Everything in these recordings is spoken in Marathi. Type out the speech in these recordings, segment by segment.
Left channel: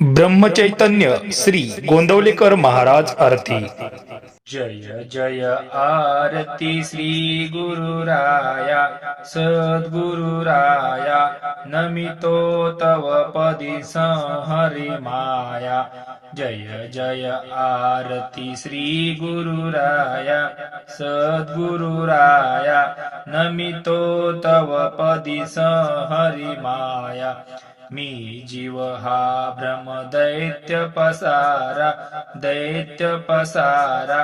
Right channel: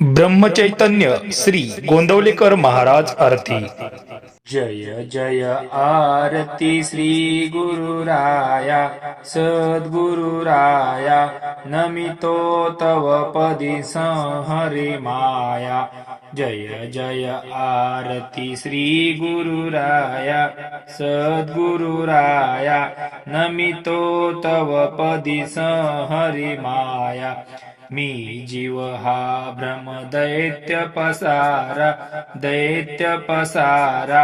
ब्रह्मचैतन्य श्री गोंदवलेकर महाराज आरती। जय जय आरती श्री गुरुराया सद्गुरुराया नमितो तव पदी संहरि माया। जय जय आरती श्री गुरुराया सद्गुरुराया नमितो तव पदी संहरि माया। मी जीव हा भ्रम दैत्य पसारा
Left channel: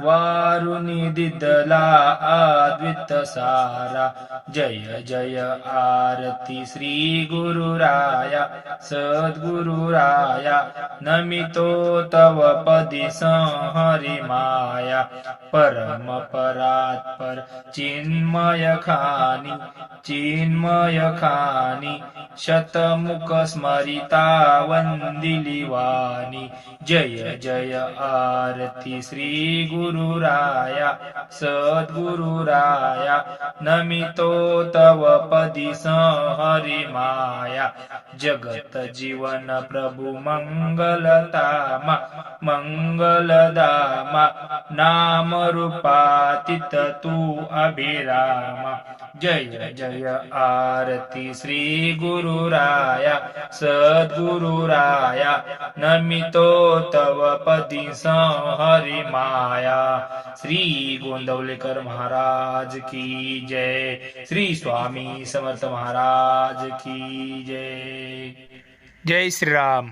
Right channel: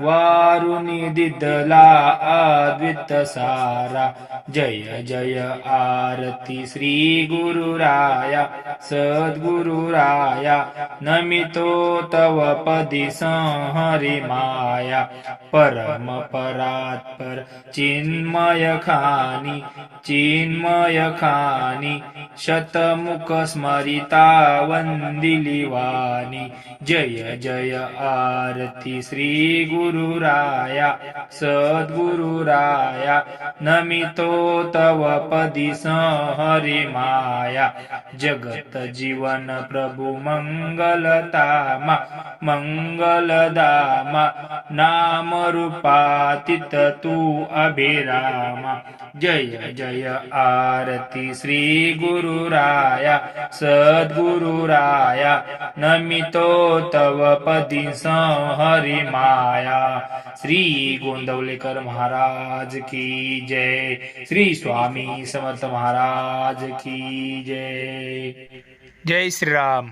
वारुनी दिदला अद्वित सारा। जय जय आरती श्री गुरुराया सद्गुरुराया नमितो तव पदी संहरि माया। परम परात्पर चिन्मय खानी शतमुख स्मरिता वंदिली वाणी। जय जय आरती श्री गुरुराया सद्गुरुराया नमितो तव पदी संहरि माया। जगत जीवन प्रभु मंगलतामा मंगलदामा नाम रूपातीत तू अभिरामा। जय जय आरती श्री गुरुराया सद्गुरुराया नमितो तव पदी संहरि माया। श्री गोंदवलेकर महाराज की जय। श्री स्वामी समर्थ महाराज की जय। जय श्रीराम।